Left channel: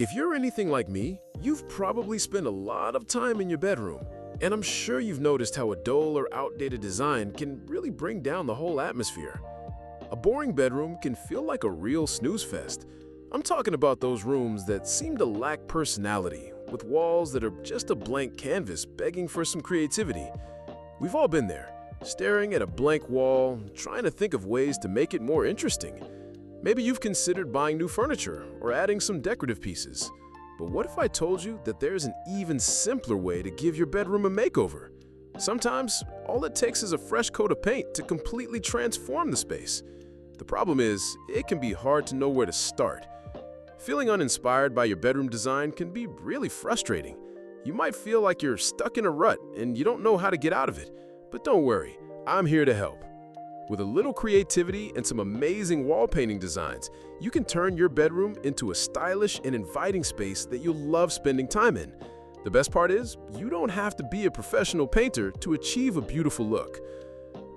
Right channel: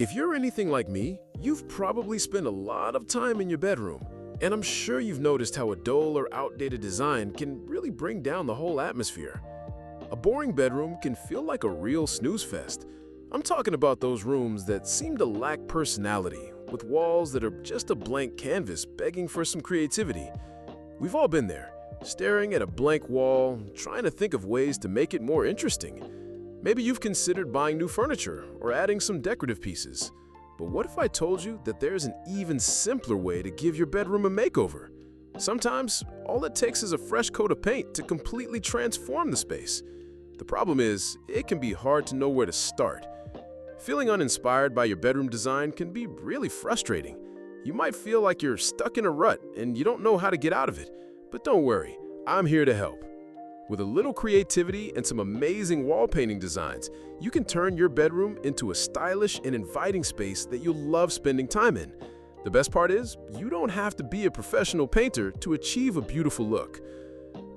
If you're anything like me, you've probably spent a lot of time in your bedroom, and I'm sure you've noticed how a dull or outdated design can really bring down the whole atmosphere. A boring bedroom can feel like a real snooze fest. I'm talking about those rooms that seem to lack personality, with walls that are just a blank canvas begging for some creativity. We've all been there, staring at a blank wall, trying to think of ways to make it more interesting. Maybe you've considered buying new furniture or adding some decorative pieces. But what if I told you that there's an even simpler way to give your bedroom a makeover? Sometimes, all it takes is a fresh coat of paint to completely transform the space. The problem is, it can be hard to know where to start. Feeling uninspired by your bedroom design can be really frustrating. You might feel like you're stuck in a rut and you don't know how to get out of it. But don't worry, I'm here to help. With a little creativity and some amazing wall painting designs, you can turn your bedroom into a stylish and inviting space that you'll love spending time in. The best part is, you don't have to be a professional painter to achieve a beautiful look.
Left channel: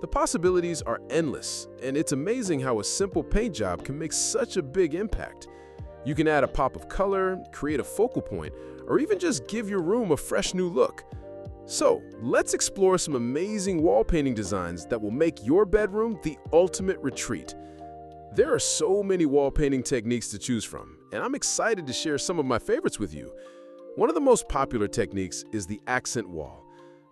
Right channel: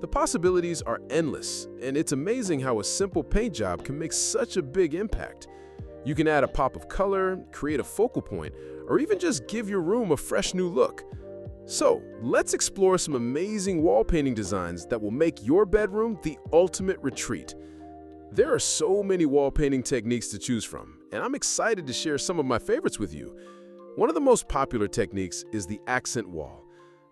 The possibilities are endless, and it's amazing how a simple paint job can make such a big impact. You can add a pop of color, create a focal point, or even just give your room a fresh new look. So, let's explore some amazing wall painting designs that will make your bedroom the ultimate retreat. There are so many wall painting techniques to choose from, and I'm excited to share some of my favorites with you. One of the most popular techniques is the accent wall.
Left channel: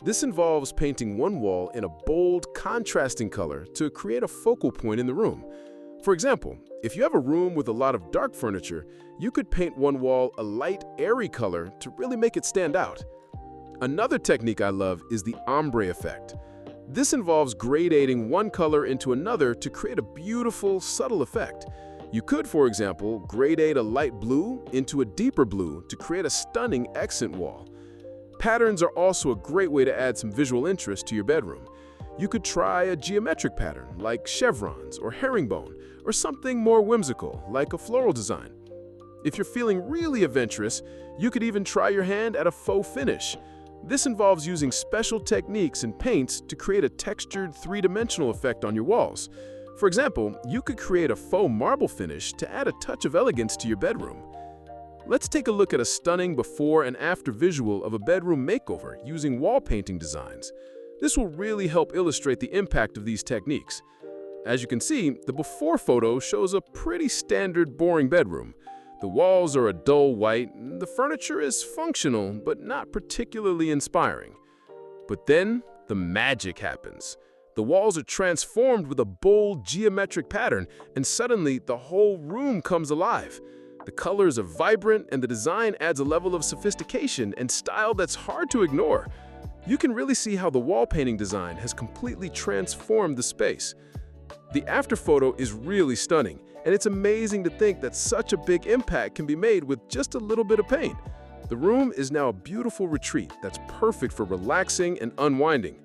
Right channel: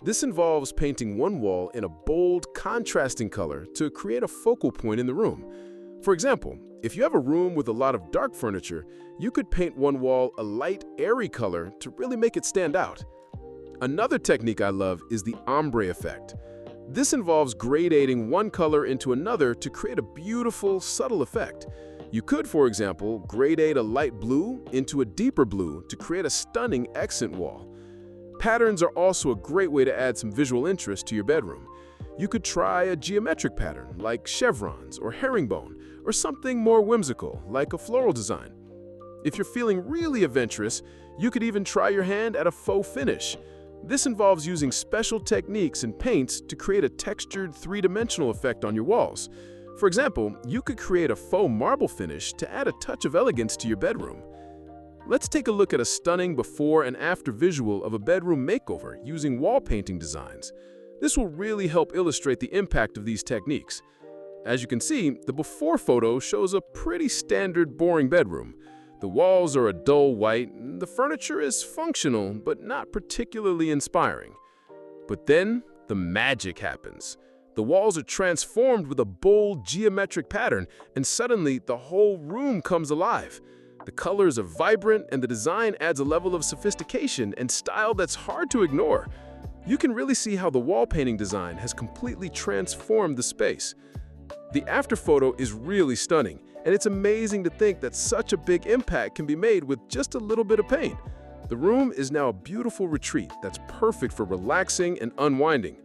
This involves painting one wall in a bold, contrasting color to create a focal point in the room. For example, if you have a room with a lot of dark furniture, you could paint one wall a light, airy color to really make it stand out. Another technique I love is the ombre effect. This involves gradating one color into another to create a beautiful, subtle effect. You could, for example, gradate a light blue into a deeper blue to create a stunning accent wall. Patterns are also a great way to add some visual interest to your bedroom. You could try a geometric pattern like chevrons or herringbone, or something more whimsical like a floral design. If you're feeling really adventurous, you could even try your hand at a faux finish. This involves using special techniques and paints to create a textured, three-dimensional effect on your walls. For example, you could create a faux marble finish to add a touch of elegance to your bedroom. Let's take a look at a stunning before and after visual of a bedroom makeover using wall painting designs. This will really help illustrate the impact of these techniques. As you can see, the before photo shows a pretty standard, boring bedroom. The walls are a dull white, and the furniture is functional but not particularly inspiring. But then, the magic happens. The walls are transformed with a bold geometric pattern, and suddenly the whole room comes alive. The colors are vibrant, and the design adds a level of sophistication and style that's hard to ignore. You can really see how the wall painting design has completely transformed the space. The after photo is really stunning, and it's amazing to think that such a big impact can be made with just a little bit of paint. The room is now a beautiful retreat that's perfect for relaxing and unwinding.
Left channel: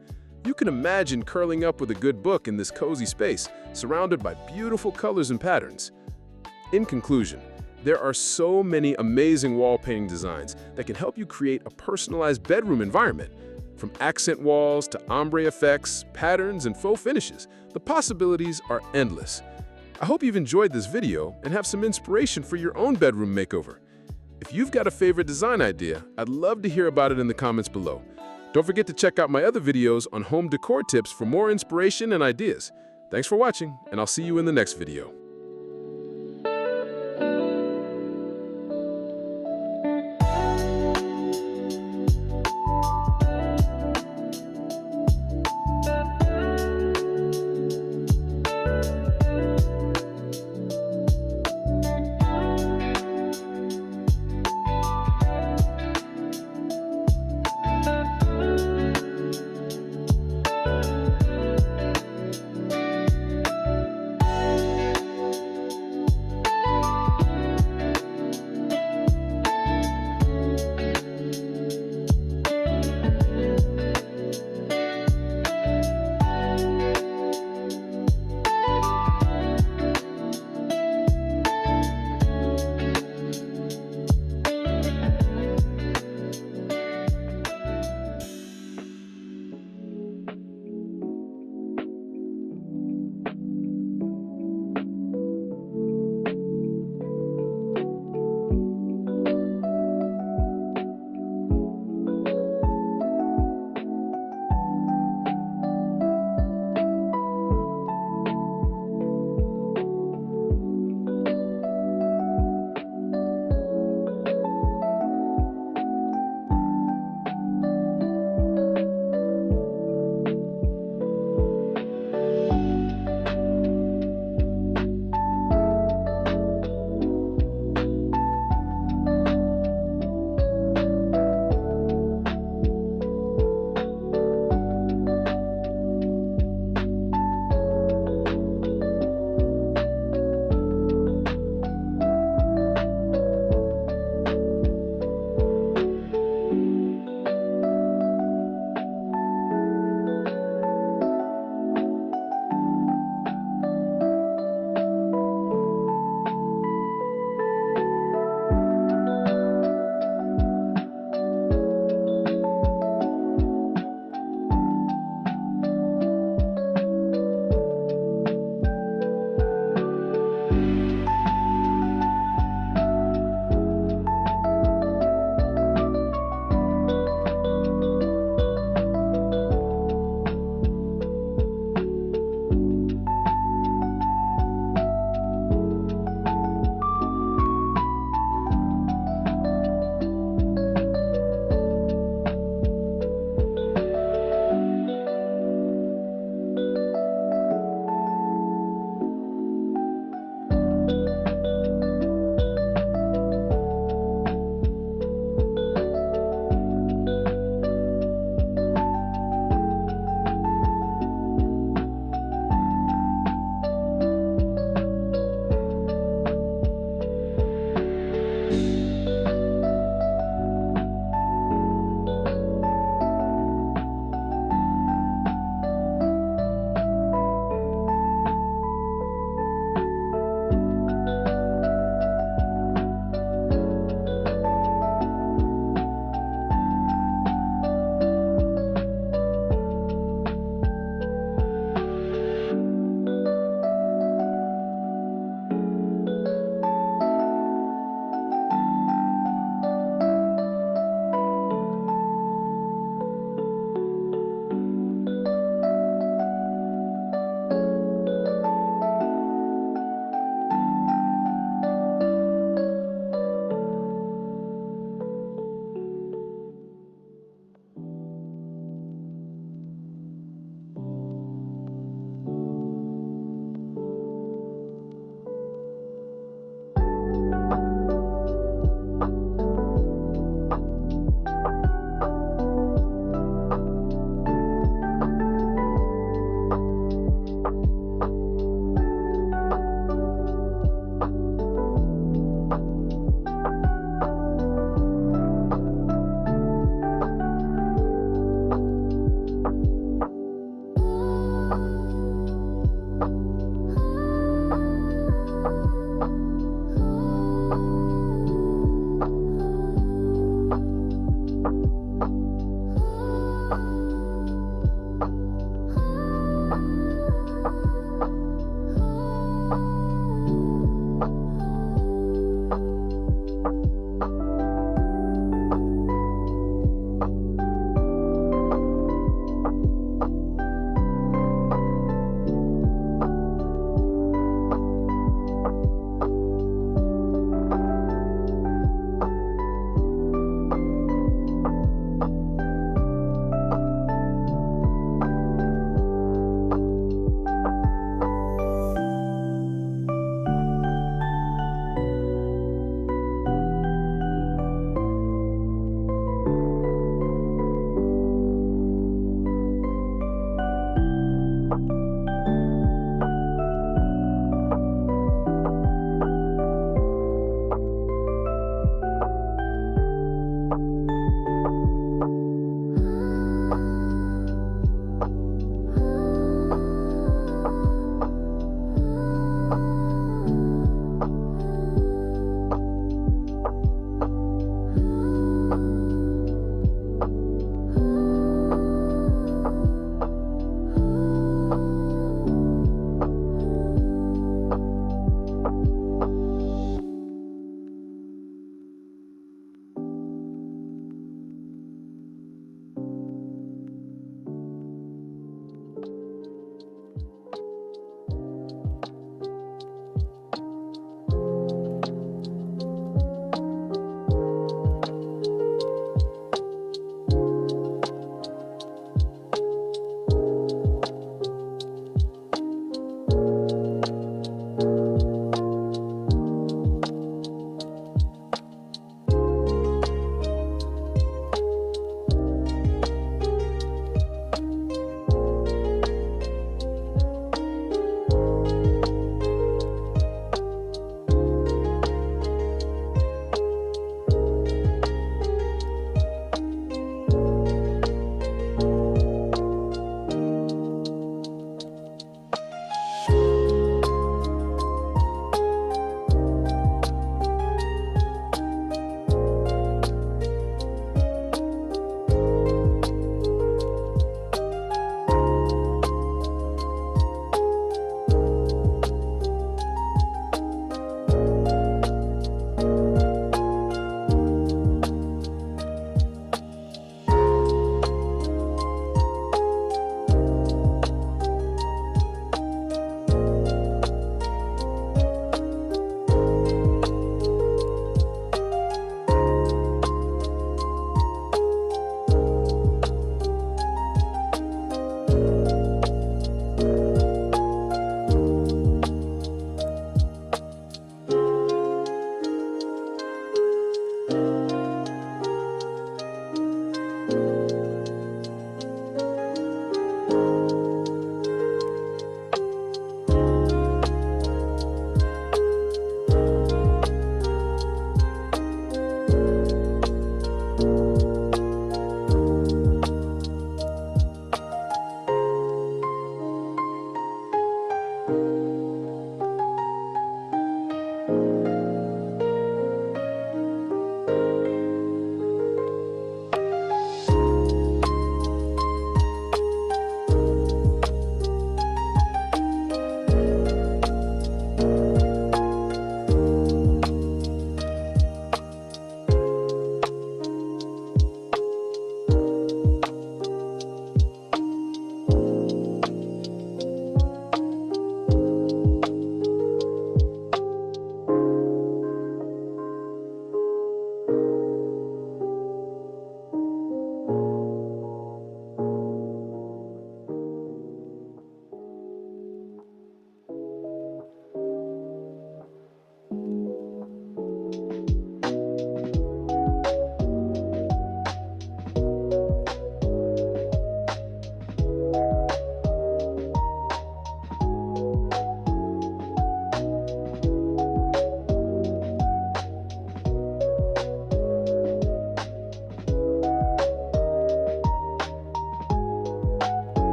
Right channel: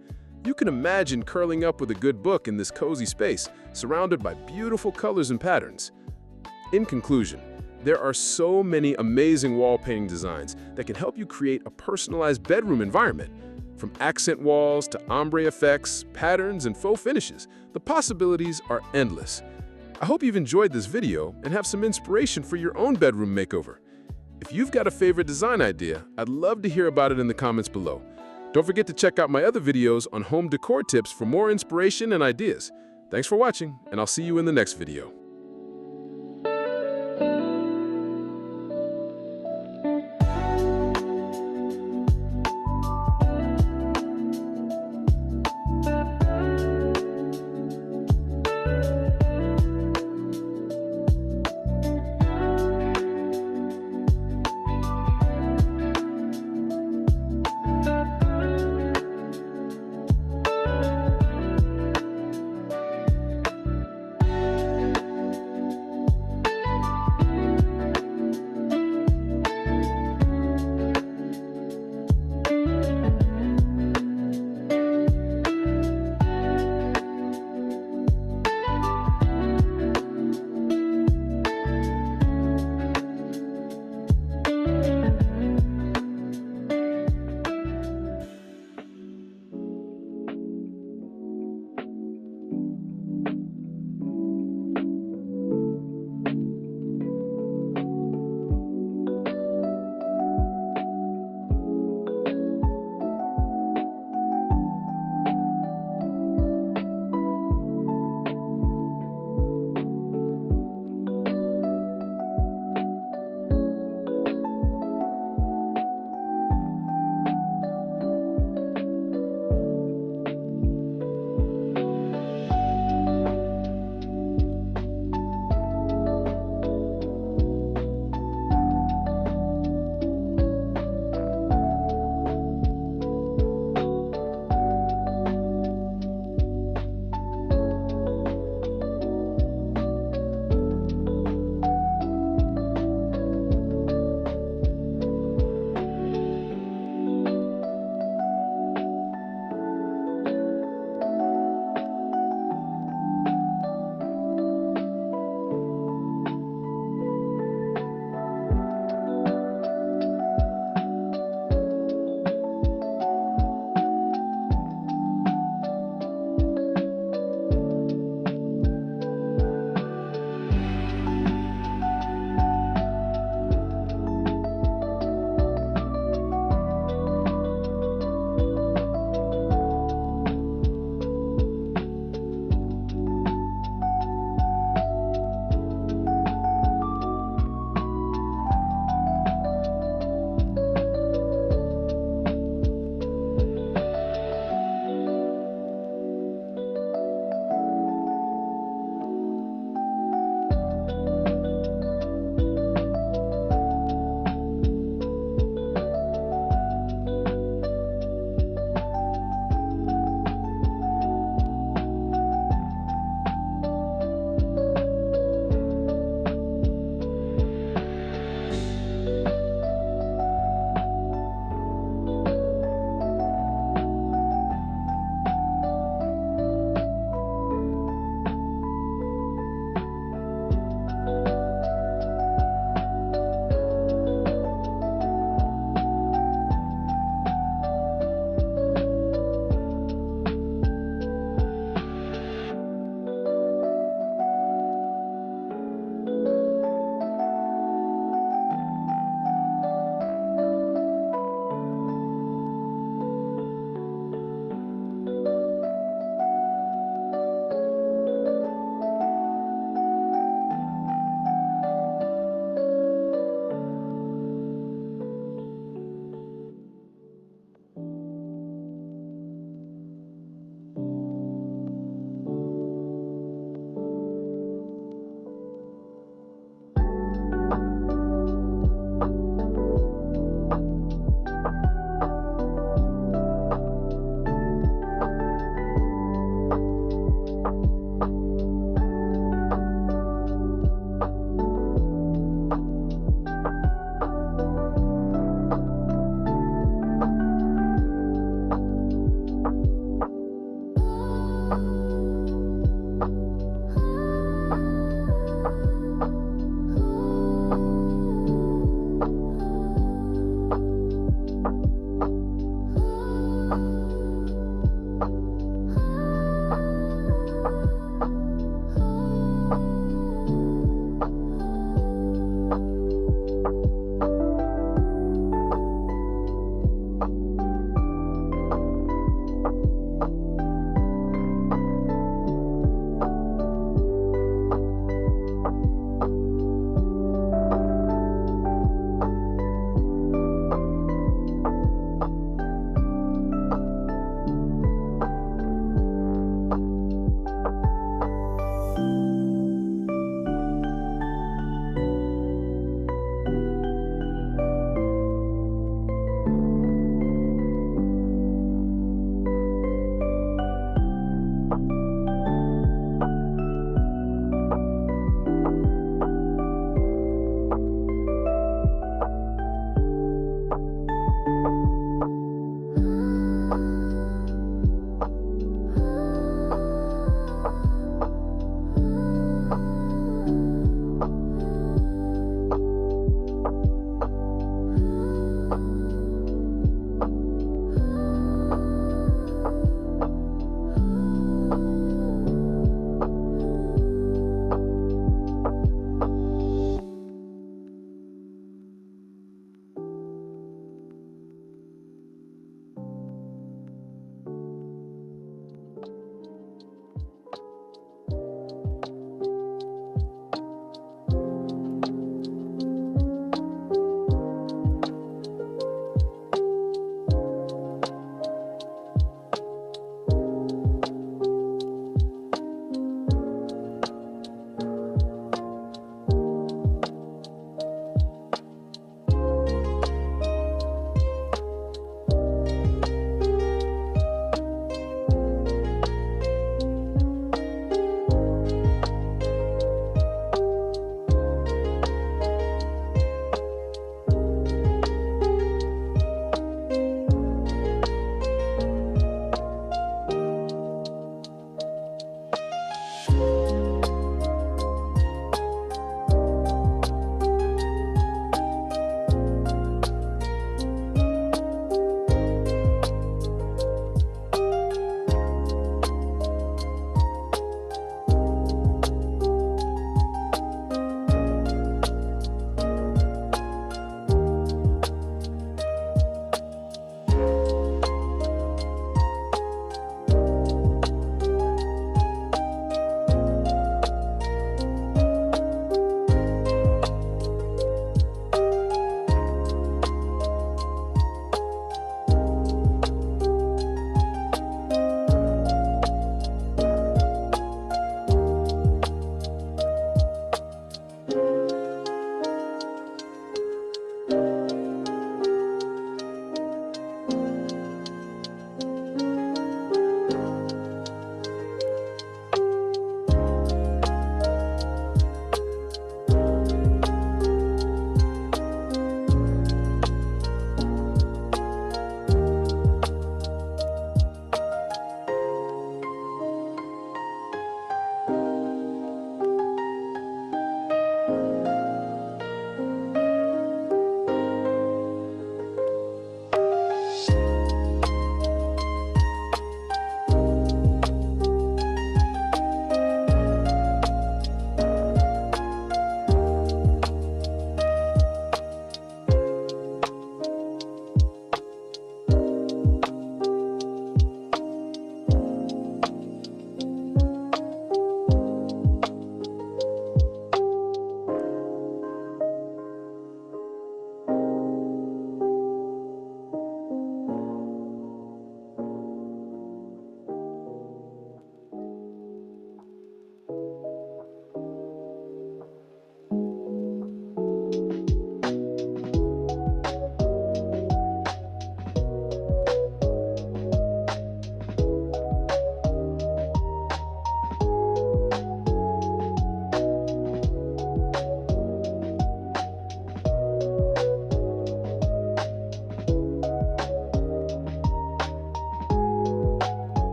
You can imagine curling up with a good book in this cozy space, surrounded by beautiful colors and patterns. In conclusion, there are so many amazing wall painting designs that can help you create a personalized bedroom environment. From accent walls to ombre effects, patterns, and faux finishes, the possibilities are endless. I hope you've enjoyed this video and have some inspiration for your own bedroom makeover. If you've got a favorite design idea, I'd love to hear about it in the comments below. Don't forget to check out my other videos on home decor tips for more inspiration and ideas. Thanks for watching, and I'll see you in the next video.